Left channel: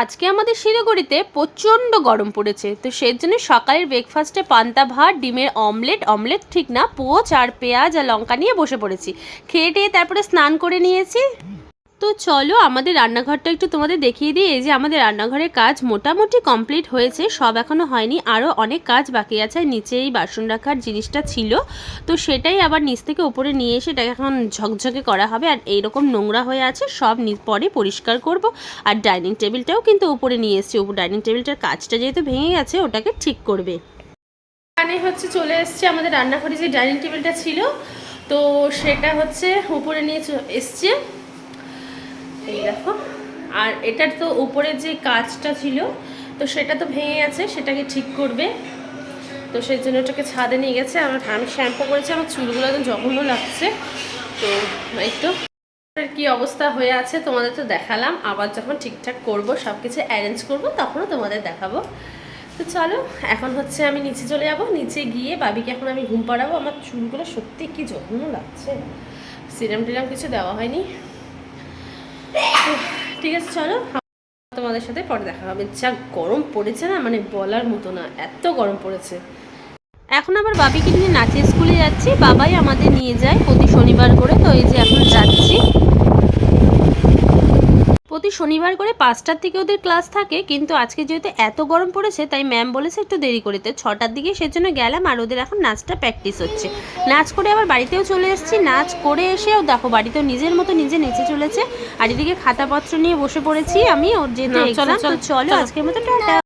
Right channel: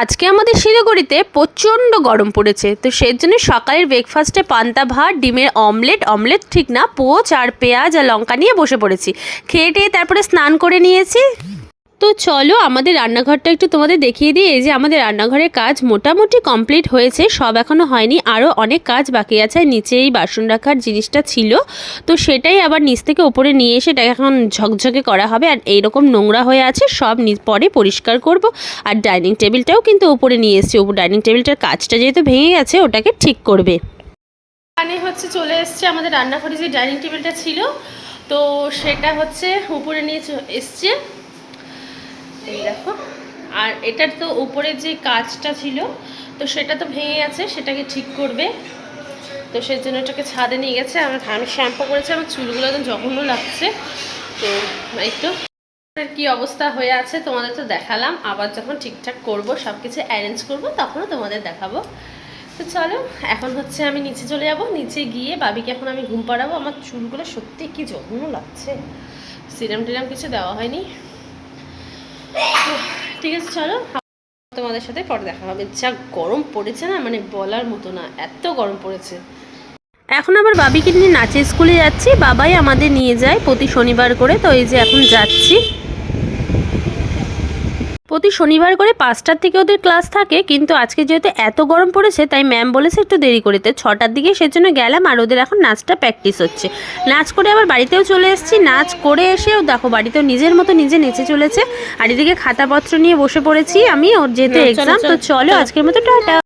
আজকে আমাদের শিলিগুড়িতে প্রচণ্ড গরম পড়েছে, তো সেই জন্য সকালের ব্রেকফাস্টে পান্তা ভাত, ডিমের অমলেট ঠিক না, পোচ আর পেঁয়াজ আর লঙ্কা নিয়ে বসে পড়েছি। খেয়ে টেয়ে তারপরে স্নান করে নিয়েছি। তো চলো আমাদের রান্নাঘরটা একটু তোমাদের দেখিয়ে দিই। এই যে আমাদের রান্নাঘরের কাজ মোটামুটি কমপ্লিট হয়েছে, সব এখনও হয়নি, আরও অনেক কাজ বাকি আছে। নিচে এই বাসন রাখার জিনিসটা ছিল, তো সেটাই আবার নিচ থেকে উপরে নিয়ে এসে এটাকে এখন ঝকঝকে করা হবে। আর এইরকম নোংরা হয়ে আছে, সব পরে পরিষ্কার করব। আর ডাইনিং টেবিলটাও কিন্তু উপরে নিয়ে এসেছি, ডাইনিং টেবিলটার কাজটা যেহেতু ভেঙে গেছে ওটাকে ঠিক করবে। এখানে হচ্ছে চলে এসছে আমাদের রান্নাঘরে যে ডাইনিং টেবিলটা ছিল, তো সেটা হচ্ছে উপরে নিয়ে এসছে, এই দেখো। আর এটার তো উপরের যে কাজটা ছিল, তো সেটা তো ভেঙে গেছে, সেটাকে ঠিক করবে। তো সেই জন্য এটাকে ছাদে নিয়ে গেছে। আমি শ্যাম্পু করেছি, আমার চুলগুলো একদম জঘন্য লাগছে। তো এই তো কী অবস্থা হয়ে আছে তোমাদের তো দেখালাম। আবার যখন ঠিকঠাক করব, সব কিছু অ্যারেঞ্জ করবো, তখনও তোমাদের দেখাবো। তো চলো এখন হচ্ছে আমি নিচে চলে যাব। নিচে গিয়ে বাবিকে এখন আমি ঘুম পাড়াবো। আমার চুলগুলো সত্যি কি জঘন্য লাগছে, সিরাম টিরাম কিছু দেওয়া হয়নি। ঠিক আছে চলো তোমাদের সাথে পরে দেখা হবে। যা গরম পড়েছে না, মানে বলার মতো না, এত গরম পড়েছে। এখন আবার বাবিকে নিয়ে নাচের স্কুলে যাচ্ছি, বাবাই আমাদের নিয়ে যায় প্রতি শনিবার করে। তো এই যে এখন যাচ্ছি, প্রতি শনিবার করে 5টার থেকে ওদের ক্লাস থাকে, কিন্তু আজকে যেহেতু এত গরম পড়েছে তাই ম্যাম বলেছে একটু দেরি করিতে, 6টার দিকে সেজন্য গেলাম। আর ওদের এখন নাচটা প্র্যাকটিস হচ্ছে। নাচ করে আবার বাড়িতেও চলে এসেছি। নাচ করে এসেও দেখো বাড়িতেও নিজের মতো নিজে নেচে চলেছে। আর এদিকে খাতাপত্র নিয়ে বসে পড়েছি আমি, ওর যেহেতু এক্সাম। তো চলো আজকের মতো টাটা।